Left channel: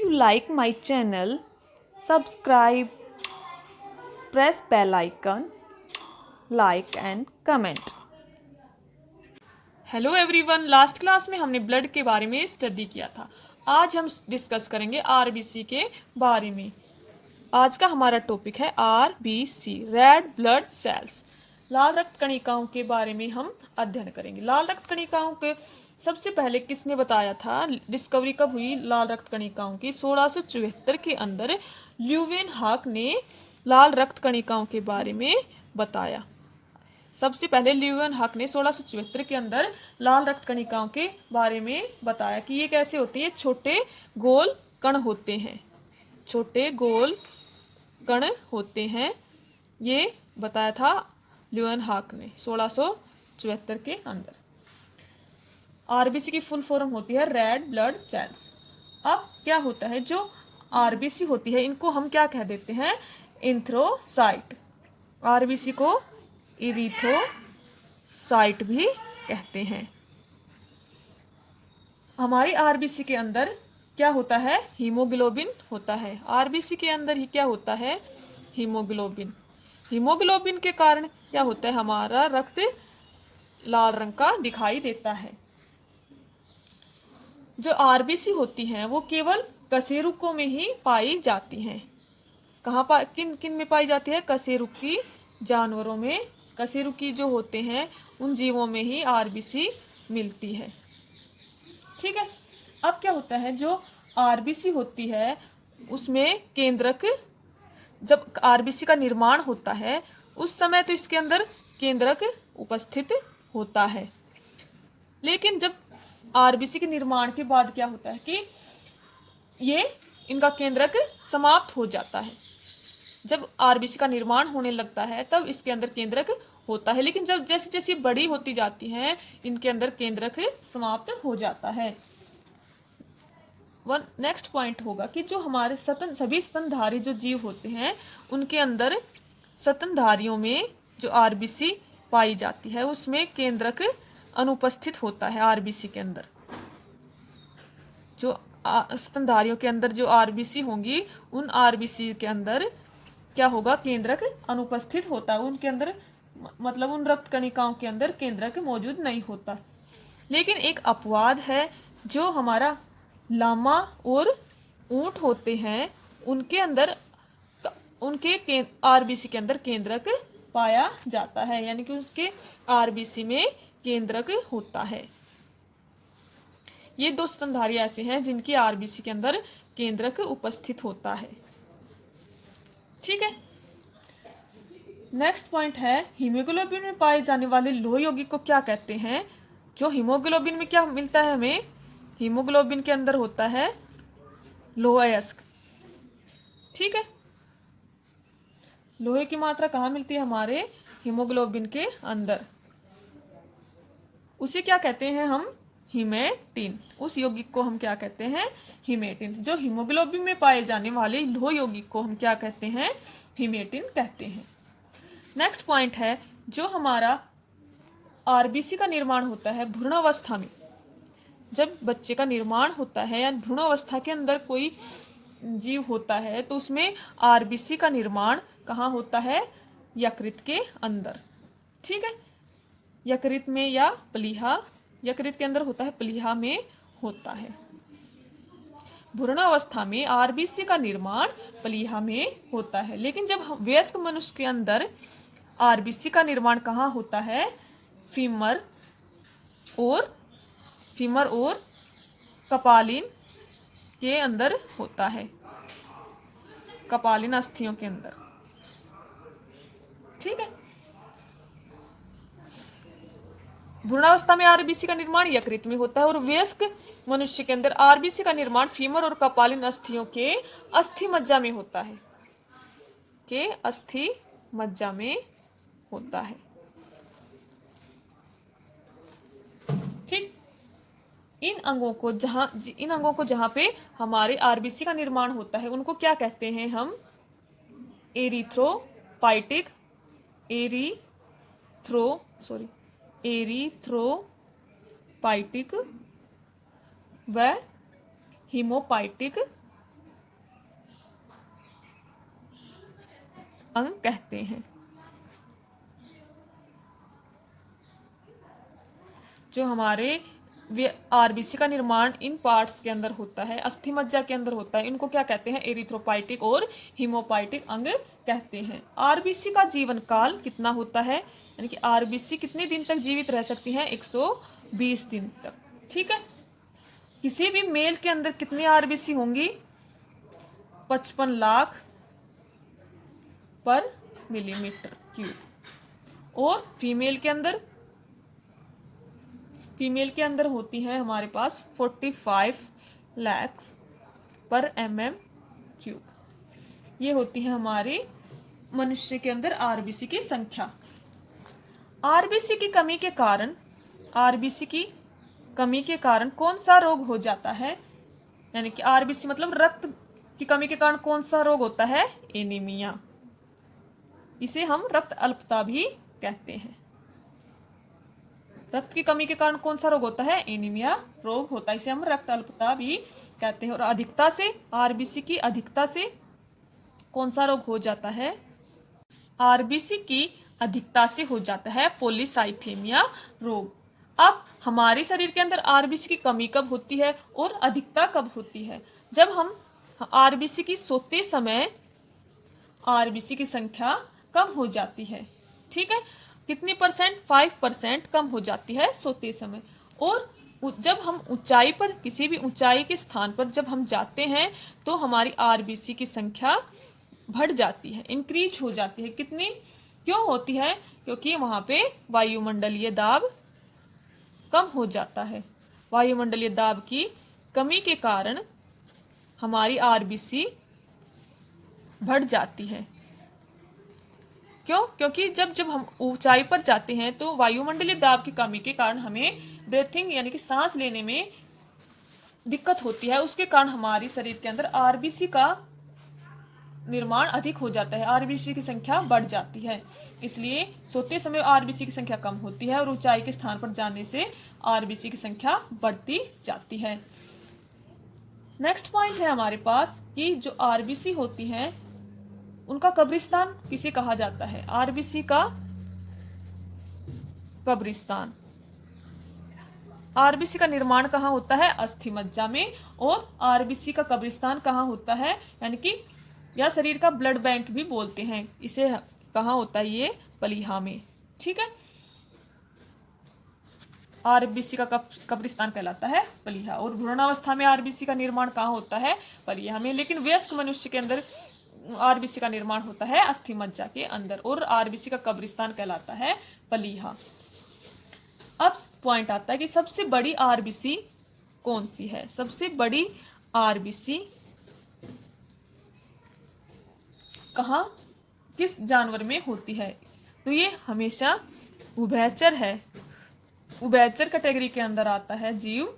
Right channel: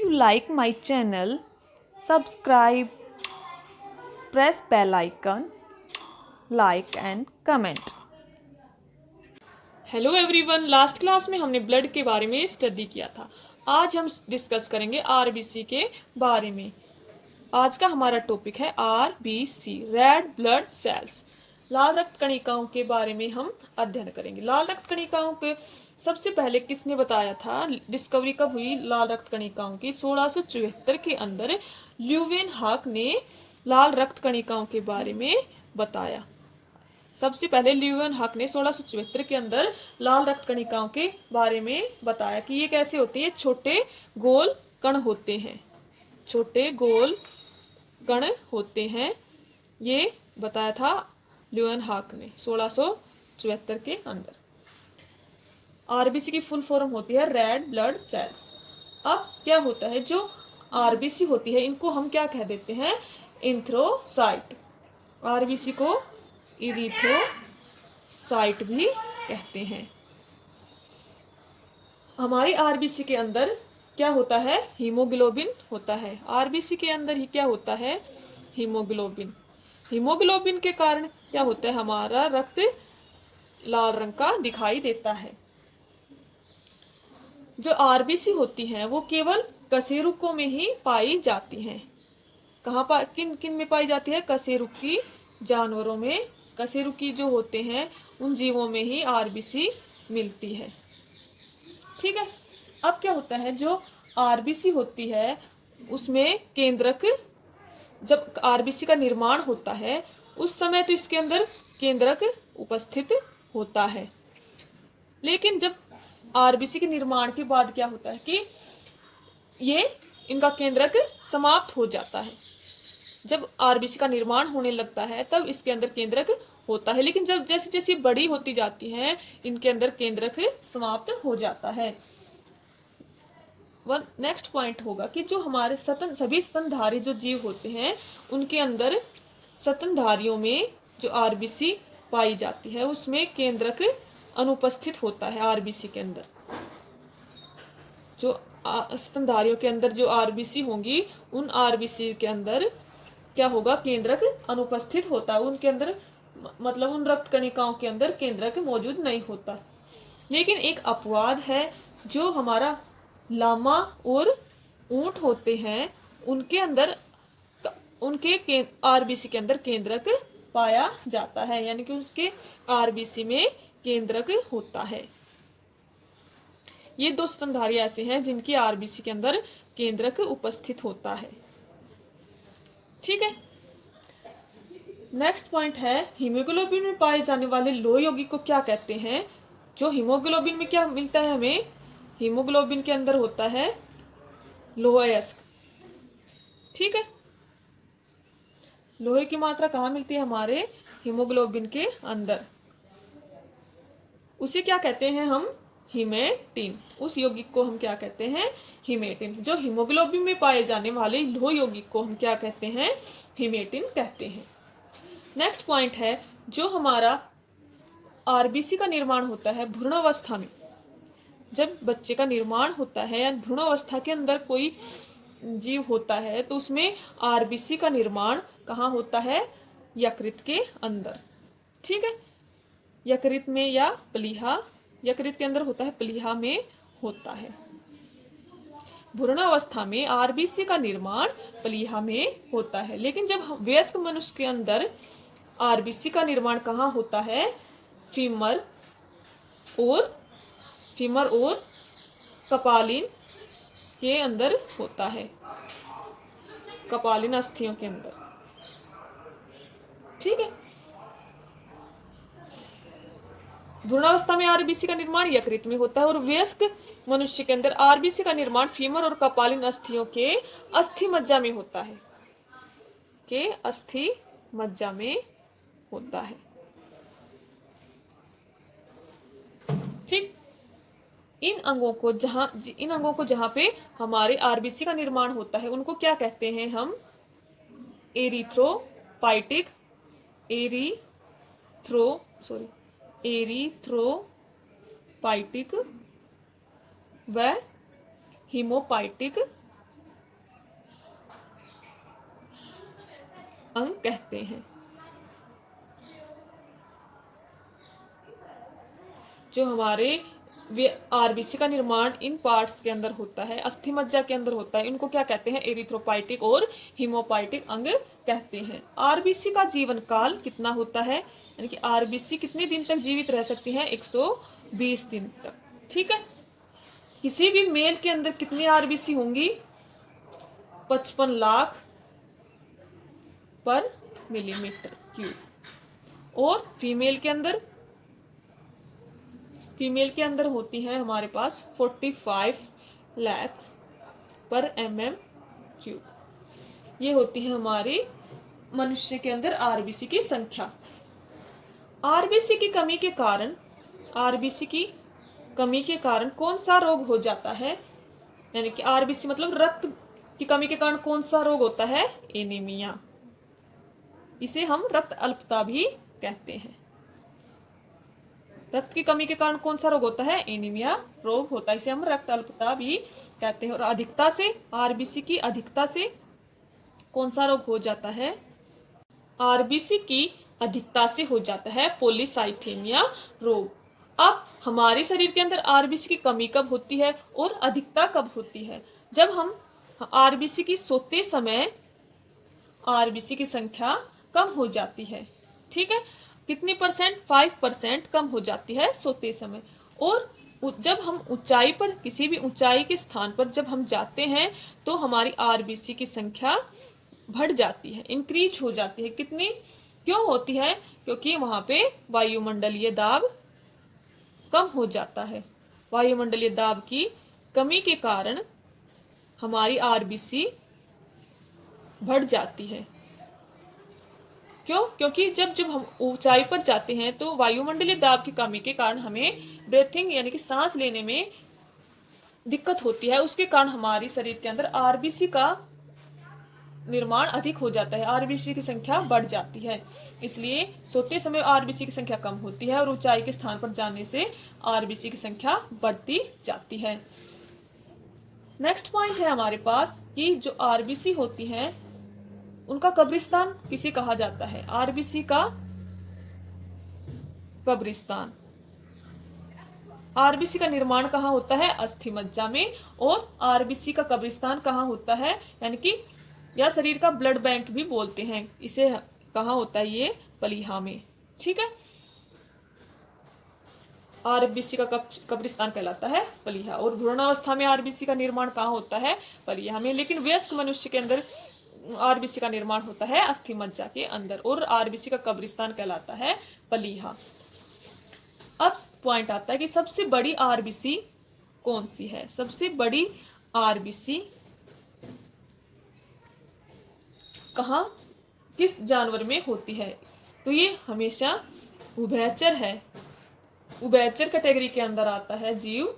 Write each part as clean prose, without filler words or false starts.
you like my channel, subscribe, press bell icon, like and comment. Hello everyone, last class में हमने blood के बारे में study किया था। आज हम डिस्कस करेंगे आरबीसी के बारे में। आज का हमारा टॉपिक है आरबीसी, रेड ब्लड सेल्स। लाल रक्त कणिकाओं के बारे में हम अध्ययन करेंगे। लाल रक्त कणिकाओं के सबसे पहले किसने बताया था? डिस्कवरी कब हुई लाल रक्त कणिकाओं की? 1674 के अंदर ल्यूवेनहॉक ने लाल रक्त कणिकाओं के बारे में बताया। सबसे पहले ल्यूवेनहॉक ने 1674 के अंदर लाल रक्त कणिकाओं के बारे में बताया कि ये कैसे होती है। छोटे गोल कण होते हैं, छोटे गोल कण होते हैं, ये बताया था ल्यूवेनहॉक ने 1674 के अंदर। आरबीसी की फुल फॉर्म होती है रेड ब्लड सेल्स। अब क्या होता है, जो आरबीसी होती है इनको हम क्या कह देते हैं? एंथ्रोसाइट। आरबीसी को इरिथ्रोसाइट भी कहते हैं। हमारी आरबीसी के अंदर क्या होता है? हीमोग्लोबिन होता है। आरबीसी के अंदर ही क्या होता है? हीमोग्लोबिन। हीमोग्लोबिन के कारण क्या होता है? हमारा रक्त लाल रंग का दिखाई देता है। जो आरबीसी होती है वो केवल कशेरुकों में ही पाई जाती है। किन किन में पाई जाती है? कशेरुकी जानवरों में, कशेरुकी जो होते हैं उन जीवों में ही आरबीसी मिलती है। ठीक है। अब क्या होता है, जो आरबीसी होती है उसमें केंद्रक, जब आरबीसी का निर्माण होता है उस समय तो इसके अंदर केंद्रक उपस्थित होता है। लेकिन जब आरबीसी के निर्माण के बाद क्या होता है कि ये इनका केंद्रक समाप्त हो जाता है। जब आरबीसी का निर्माण होने लगता है तब इसके अंदर केंद्रक होता है, लेकिन जब जैसे जैसे बड़ी होती जाती हैं इनके अंदर केंद्रक समाप्त हो जाता है। नेक्स्ट पॉइंट होगा कि जो हमारे सभी स्तनधारी जो जीव होते हैं उनके अंदर स्तनधारियों में जो आरबीसी पाई जाती है उसमें केंद्रक अनुपस्थित होता है। आरबीसी के अंदर जो स्तनधारियों के अंदर जो आरबीसी होंगी उन आरबीसी के अंदर क्या होगा? केंद्रक अनुपस्थित होता है। उनके अंदर मतलब उन रक्त कणिकाओं के अंदर केंद्रक मौजूद नहीं होता। लेकिन एक अपवाद है, जो हमारा लामा और ऊंट होते हैं उनके अंदर उनके आरबीसी के अंदर केंद्रक पाया जाता है, यानी कि उसके आरबीसी में केंद्रक होता है। ये दो स्तनधारी ऐसे हैं जिनकी आरबीसी के अंदर केंद्रक उपस्थित होता है। ठीक है। नेक्स्ट पॉइंट है, हीमोग्लोबिन में पाए जाने वाले लोह यौगिक को क्या कहते हैं? जो हीमोग्लोबिन में क्या मिलता है हमें? हीमोग्लोबिन के अंदर होता है लोह अयस्क। ठीक है। लोहे की मात्रा कहाँ मिलती है? हमारे हीमोग्लोबिन के अंदर। उसे क्या कहते हैं हम? हीमेटिन। उस यौगिक को हम क्या कहते हैं? हीमेटिन। जो हीमोग्लोबिन में पाए जाने वाले लोह यौगिक को हम क्या कहते हैं? हीमेटिन कहते हैं। नेक्स्ट पॉइंट है, जो हमारा आरबीसी का निर्माण होता है भ्रूणावस्था में। जब बच्चे का निर्माण होता है या भ्रूणावस्था के अंदर कोई जीव होता है तो उसमें आरबीसी का निर्माण कहाँ होता है? यकृत के अंदर। ठीक है। यकृत में या प्लीहा, यकृत के अंदर होता है, प्लीहा में होता है। भ्रूणावस्था में आरबीसी का निर्माण प्लीहा में होता है। लेकिन जब वयस्क मनुष्य के अंदर आरबीसी का निर्माण कहाँ होता है? फीमर और कपालिन के अंदर होता है, कपालिन अस्थियों के अंदर। ठीक है। भ्रूणावस्था में आरबीसी का निर्माण यकृत में होता है और वयस्क मनुष्य के अंदर आरबीसी का निर्माण फीमर और कपालिन अस्थियों के अस्थि मज्जा में होता है, के अस्थि मज्जा में होता है। ठीक। इन अंगों को जहां पे हमारे आरबीसी का निर्माण होता है उनको क्या कहते हैं हम? एरिथ्रोपाइटिक, एरिथ्रोपाइटिक व हीमोपाइटिक अंग कहते हैं। जो हमारे आरबीसी का निर्माण इन पार्ट्स के अंदर होता है, अस्थि मज्जा के अंदर होता है, इनको क्या कहते हैं? एरिथ्रोपाइटिक और हीमोपाइटिक अंग कहते हैं। आरबीसी का जीवन काल कितना होता है, यानी कि आरबीसी कितने दिन तक जीवित रह सकती हैं? 120 दिन तक। ठीक है। किसी भी मेल के अंदर कितनी आरबीसी होंगी? 55 लाख पर मिलीमीटर क्यूब। और फीमेल के अंदर होती है हमारे पास 45 लाख पर mm क्यूब। ये होती है हमारे मनुष्य के अंदर आरबीसी की संख्या। आरबीसी की कमी के कारण कौन सा रोग हो जाता है? यानी कि आरबीसी मतलब रक्त की कमी के कारण कौन सा रोग होता है? एनीमिया। इसे हम रक्त अल्पता भी कहते हैं। रक्त की कमी के कारण कौन सा रोग होता है? एनीमिया रोग होता है, इसे हम रक्त अल्पता भी कहते हैं। और अधिकता से, आरबीसी की अधिकता से कौन सा रोग हो जाता है? आरबीसी की अधिकता से हो जाता है पॉलीसाइथेमिया रोग। अब हमारे शरीर के अंदर आरबीसी की कमी कब होती है और अधिकता कब होती है? जब हम आरबीसी की सोते समय आरबीसी की संख्या कम हो जाती है। ठीक है। कितनी परसेंट? 5% कम हो जाती है सोते समय। और जब हम ऊंचाई पर, किसी भी ऊंचाई के स्थान पर जब हम जाते हैं तो हमारी आरबीसी की संख्या बढ़ जाती है, इंक्रीज हो जाती है। कितनी? क्यों होती है? क्योंकि वहां पे वायुमंडलीय दाब कम हो जाता है। वायुमंडलीय दाब की कमी के कारण हमारी आरबीसी बढ़ जाती है। क्यों? क्योंकि जब जब हम ऊंचाई पर जाते हैं तो वायुमंडलीय दाब की कमी के कारण हमें ब्रीथिंग यानी कि सांस लेने में दिक्कत होती है। उसके कारण हमारे शरीर के अंदर आरबीसी का निर्माण अधिक हो जाता है, आरबीसी की संख्या बढ़ जाती है। इसलिए सोते समय आरबीसी की संख्या कम होती है और ऊंचाई के स्थान पर जाने से आरबीसी की संख्या बढ़ती जाती है। नेक्स्ट पॉइंट है हमारे पास कि जो आरबीसी होती हैं उनका कब्रिस्तान किसे कहा जाता है? आरबीसी का कब्रिस्तान। आरबीसी का निर्माण कहाँ होता है? अस्थि मज्जा में। और आरबीसी का कब्रिस्तान कहाँ होता है? यानी कि या शरीर का ब्लड बैंक भी बोलते हैं इसे। कहाँ होता है ये? पलीहा में। ठीक है। आरबीसी का कब्रिस्तान कहलाता है पलीहा। और भ्रूणावस्था में आरबीसी का निर्माण कहाँ होता है? पलीहा में। लेकिन वयस्क मनुष्य के अंदर आरबीसी का निर्माण होता है अस्थि मज्जा के अंदर। और आरबीसी का कब्रिस्तान कहलाता है पलीहा। अब पॉइंट आता है कि सबसे बड़ी आरबीसी कौन सी है? सबसे बड़ी आरबीसी कहाँ, किस जानवर में होती है? तो ये हमेशा उभयचर है। उभयचर कैटेगरी के अंदर आता है जीव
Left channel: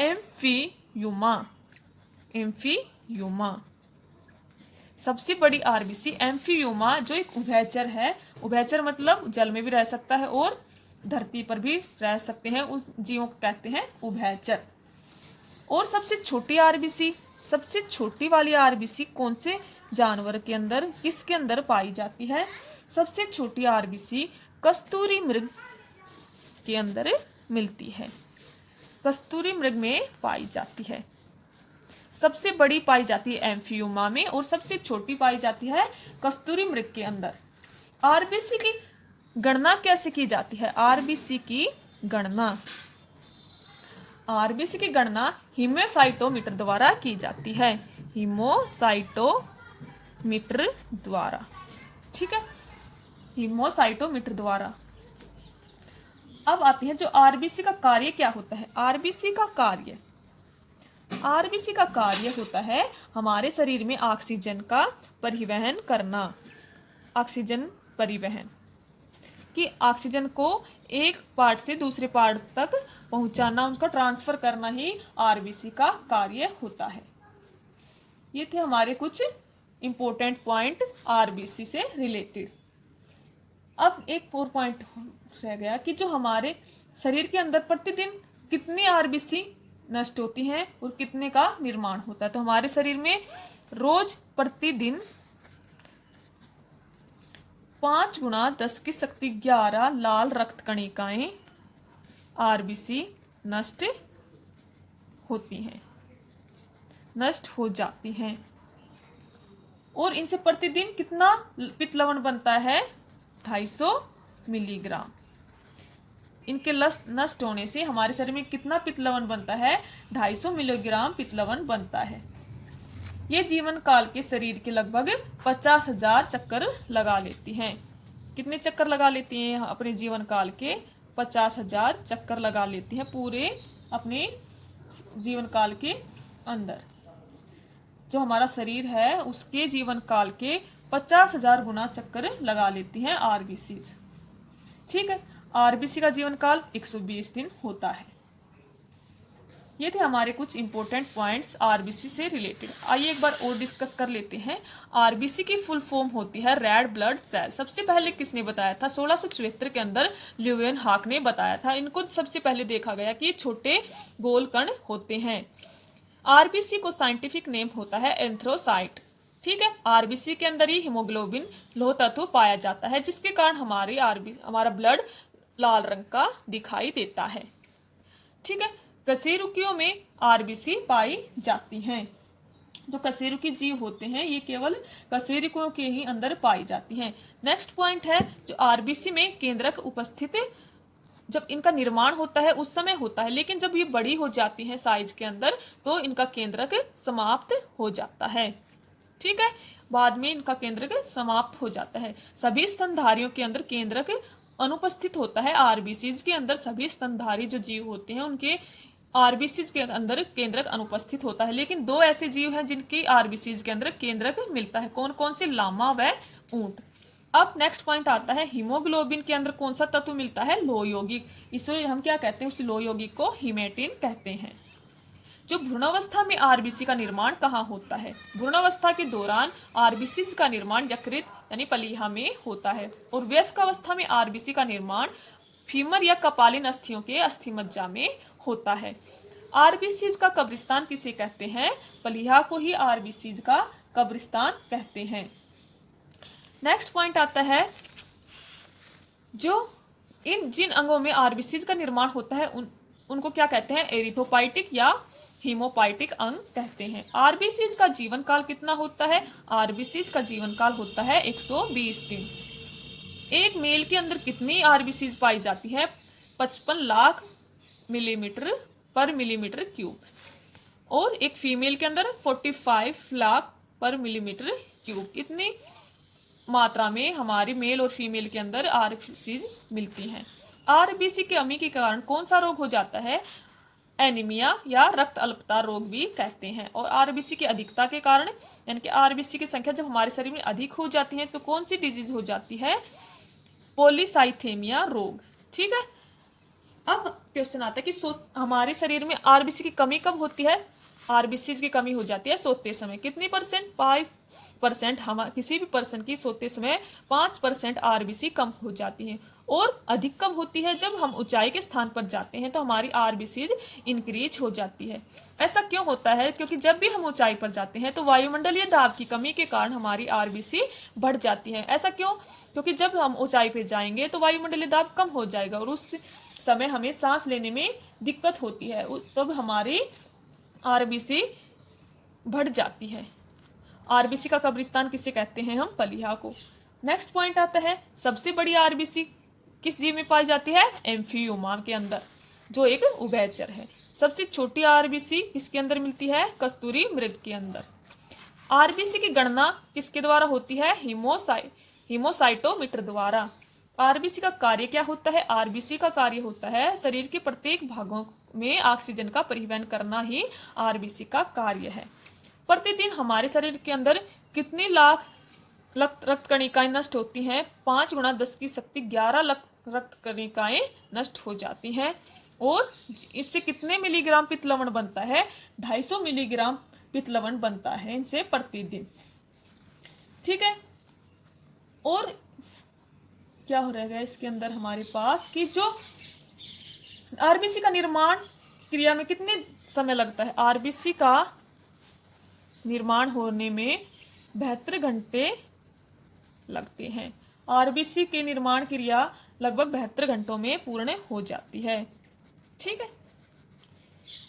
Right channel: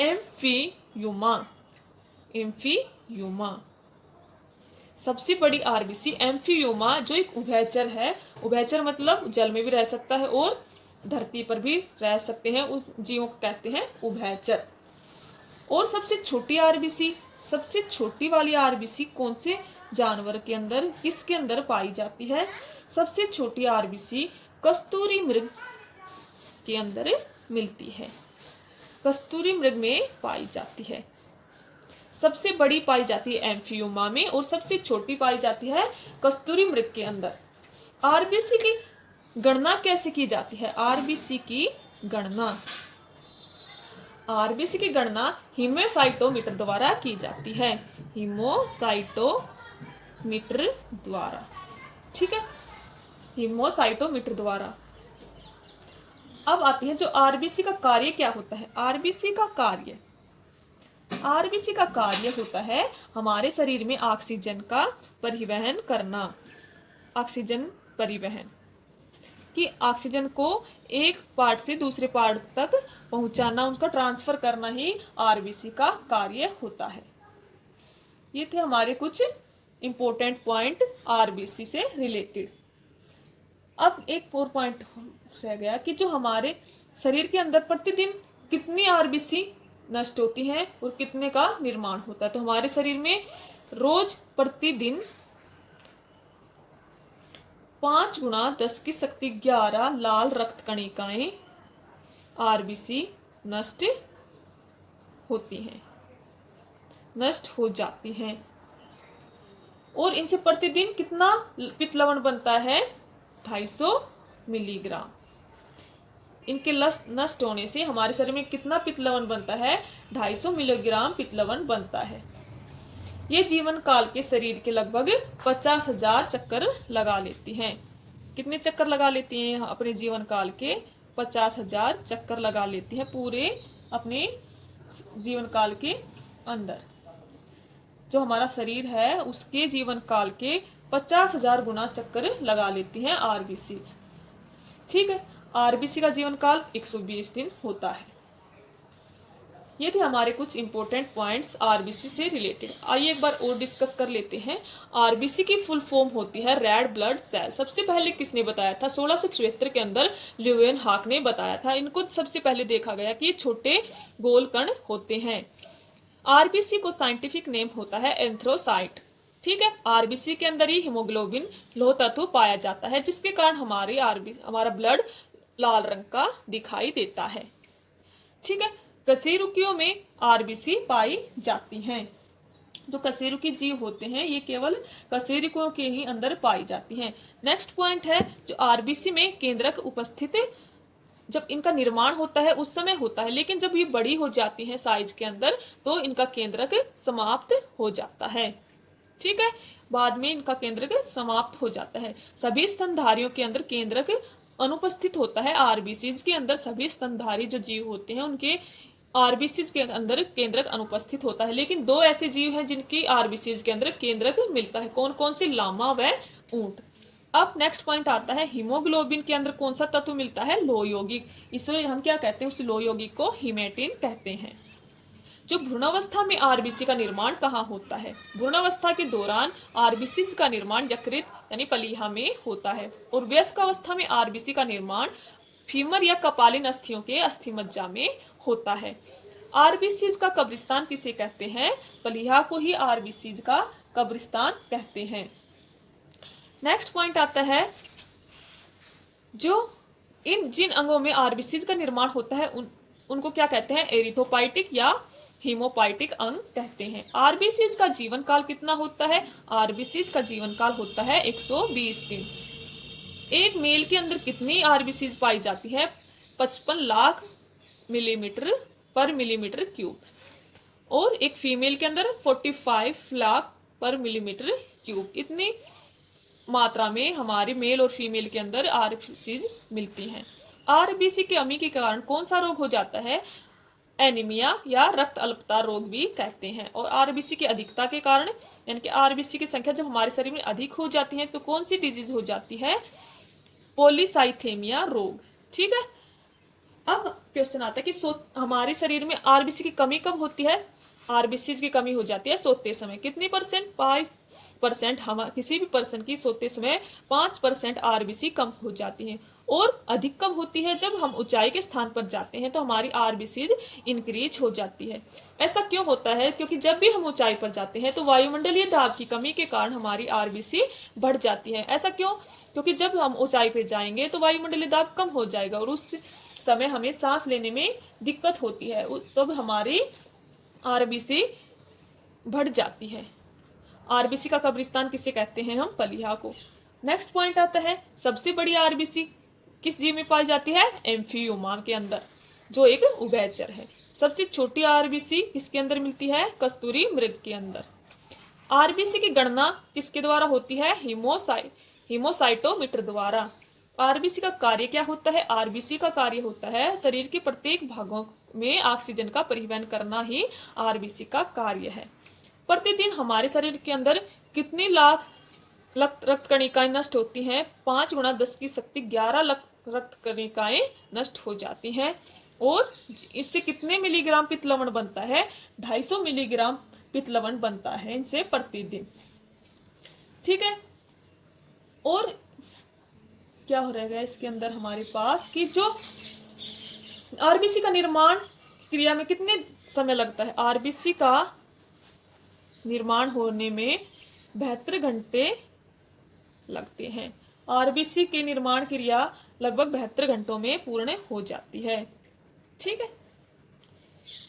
एम्फीयूमा। सबसे बड़ी आरबीसी एम्फीयूमा जो एक उभयचर है। उभयचर मतलब जल में भी रह सकता है और धरती पर भी रह सकते हैं, उस जीवों को कहते हैं उभयचर। और सबसे छोटी आरबीसी, सबसे छोटी वाली आरबीसी कौन से जानवर के अंदर, किसके अंदर पाई जाती है? सबसे छोटी आरबीसी कस्तूरी मृग के अंदर मिलती है। कस्तूरी मृग में पाई जाती है। सबसे बड़ी पाई जाती है एम्फियोमा में और सबसे छोटी पाई जाती है कस्तूरी मृग के अंदर। आरबीसी की गणना कैसे की जाती है? आरबीसी की गणना हीमोसाइटोमीटर द्वारा की जाती है। हीमोसाइटोमीटर द्वारा। ठीक है। हीमोसाइटोमीटर द्वारा। अब आते हैं जो आरबीसी का कार्य क्या होता है? आरबीसी का कार्य होता है हमारे शरीर में ऑक्सीजन का परिवहन करना। ऑक्सीजन परिवहन कि ऑक्सीजन को एक पार्ट से दूसरे पार्ट तक पहुंचाना, उसका ट्रांसफर करना ही आरबीसी का कार्य होता है। ये थे हमारे कुछ इंपॉर्टेंट पॉइंट आरबीसी से रिलेटेड। अब एक और पॉइंट रह गया कि जो हमारे शरीर के अंदर प्रतिदिन कितनी आरबीसी नष्ट होती हैं और कितने का निर्माण होता है। तो हमारे शरीर में रोज प्रतिदिन 5 गुणा 10 की शक्ति 11 लाल रक्त कणिकाएं आरबीसी नष्ट होती हैं, नष्ट हो जाती हैं। और इनसे प्रतिदिन कितना पित्त लवण बनता है? 250 मिलीग्राम। इनके नष्ट होने से हमारे शरीर में कितना पित्त लवण बनता है? 250 मिलीग्राम पित्त लवण बनता है। ये जीवन काल के शरीर के लगभग 50,000 चक्कर लगा लेती हैं। कितने चक्कर लगा लेती हैं? अपने जीवन काल के 50,000 चक्कर लगा लेती हैं पूरे अपने जीवन काल के अंदर। जो हमारा शरीर है उसके जीवन काल के 50,000 गुना चक्कर लगा लेती हैं आरबीसी। ठीक है, आरबीसी का जीवन काल 120 दिन होता है। ये थे हमारे कुछ इंपॉर्टेंट पॉइंट्स आरबीसी से रिलेटेड। आइए एक बार और डिस्कस कर लेते हैं। आरबीसी की फुल फॉर्म होती है रेड ब्लड सेल। सबसे पहले किसने बताया था? 1674 के अंदर ल्यूवेन हाक ने बताया था। इनको सबसे पहले देखा गया कि ये छोटे गोल कण होते हैं। आरबीसी को साइंटिफिक नेम होता है एंथ्रोसाइट। ठीक है, आरबीसी के अंदर ही हीमोग्लोबिन लोह तत्व पाया जाता है, जिसके कारण हमारा ब्लड लाल रंग का दिखाई देता है। ठीक है, कशेरुकियों में आरबीसी पाई जाती हैं। जो कशेरुकी जीव होते हैं ये केवल कशेरुकियों के ही अंदर पाई जाती हैं। नेक्स्ट पॉइंट है, जो आरबीसी में केंद्रक उपस्थित जब इनका निर्माण होता है उस समय होता है, लेकिन जब ये बड़ी हो जाती हैं साइज के अंदर तो इनका केंद्रक समाप्त हो जाता है। ठीक है, बाद में इनका केंद्रक समाप्त हो जाता है। सभी स्तनधारियों के अंदर केंद्रक अनुपस्थित होता है। आरबीसीज के अंदर सभी स्तनधारी जो जीव होते हैं उनके आरबीसीज के अंदर केंद्रक अनुपस्थित होता है, लेकिन दो ऐसे जीव हैं जिनकी आरबीसीज के अंदर केंद्रक मिलता है। कौन कौन से? लामा व ऊंट। अब नेक्स्ट पॉइंट आता है, हीमोग्लोबिन के अंदर कौन सा तत्व मिलता है? लोह यौगिक। इसे हम क्या कहते हैं? उस लोह यौगिक को हीमेटिन कहते हैं। जो भ्रूणावस्था में आरबीसी का निर्माण कहाँ होता है? भ्रूणावस्था के दौरान आरबीसी का निर्माण यकृत यानी पलीहा में होता है। और वयस्क अवस्था में आरबीसी का निर्माण फीमर या कपालिन अस्थियों के अस्थिमज्जा में होता है। आरबीसी का कब्रिस्तान किसे कहते हैं? पलीहा को ही आरबीसी का कब्रिस्तान कहते हैं। नेक्स्ट पॉइंट आता है, जो जिन अंगों में आरबीसी का निर्माण होता है उनको क्या कहते हैं? एरिथोपाइटिक या हीमोपाइटिक अंग कहते हैं। आरबीसी का जीवन काल कितना होता है? आरबीसी का जीवन काल होता है 120 दिन। एक मेल के अंदर कितनी आरबीसी पाई जाती है? 55 लाख मिलीमीटर पर मिलीमीटर क्यूब। और एक फीमेल के अंदर 45 लाख पर मिलीमीटर क्यूब। इतनी मात्रा में हमारे मेल और फीमेल के अंदर आरबीसी मिलती हैं। आरबीसी की कमी के कारण कौन सा रोग हो जाता है? एनीमिया या रक्त अल्पता रोग भी कहते हैं। और आरबीसी की अधिकता के कारण यानी कि आरबीसी की संख्या जब हमारे शरीर में अधिक हो जाती है तो कौन सी डिजीज हो जाती है? पॉलीसाइथेमिया रोग। ठीक है, अब क्वेश्चन आता है कि हमारे शरीर में आरबीसी की कमी कब होती है? आरबीसी की कमी हो जाती है सोते समय। कितनी परसेंट? 5%। हम किसी भी पर्सन की सोते समय 5% आरबीसी कम हो जाती है। और अधिक कब होती है? जब हम ऊंचाई के स्थान पर जाते हैं तो हमारी आरबीसी इंक्रीज हो जाती है। ऐसा क्यों होता है? क्योंकि जब भी हम ऊंचाई पर जाते हैं तो वायुमंडलीय दाब की कमी के कारण हमारी आरबीसी बढ़ जाती है। ऐसा क्यों? क्योंकि जब हम ऊंचाई पर जाएंगे तो वायुमंडलीय दाब कम हो जाएगा और उस समय हमें सांस लेने में दिक्कत होती है, तब हमारी आरबीसी बढ़ जाती है। आरबीसी का कब्रिस्तान किसे कहते हैं? हम पलीहा को। नेक्स्ट पॉइंट आता है, सबसे बड़ी आरबीसी किस जीव में पाई जाती है? एम्फियोमा के अंदर, जो एक उभयचर है। सबसे छोटी आरबीसी किसके अंदर मिलती है? कस्तूरी मृग के अंदर। आरबीसी की गणना किसके द्वारा होती है? हीमोसाइटोमीटर द्वारा। आरबीसी का कार्य क्या होता है? आरबीसी का कार्य होता है शरीर के प्रत्येक भागों में ऑक्सीजन का परिवहन करना ही आरबीसी का कार्य है। प्रतिदिन हमारे शरीर के अंदर कितने लाख रक्त कणिकाएं नष्ट होती हैं? 5 गुणा 10 की शक्ति 11 लाख रक्त कणिकाएं नष्ट हो जाती हैं। और इससे कितने मिलीग्राम पित्त लवण बनता है? 250 मिलीग्राम पित्त लवण बनता है इनसे प्रतिदिन। ठीक है, और क्या हो रहेगा इसके अंदर हमारे पास कि जो आरबीसी का निर्माण क्रिया में कितने समय लगता है? आरबीसी का निर्माण होने में 72 घंटे लगते हैं। आरबीसी के निर्माण क्रिया लगभग 72 घंटों में पूर्ण हो जाती है। ठीक है,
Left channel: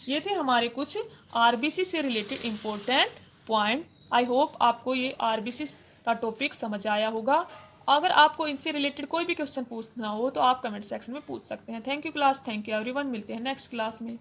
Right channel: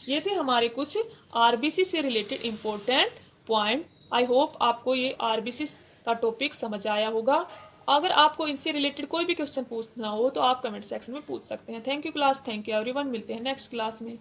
ये थे हमारे कुछ आरबीसी से related important point. I hope आपको ये आरबीसी का टॉपिक समझ आया होगा। अगर आपको इनसे रिलेटेड कोई भी क्वेश्चन पूछना हो तो आप कमेंट सेक्शन में पूछ सकते हैं। Thank you class, thank you everyone, मिलते हैं नेक्स्ट क्लास में।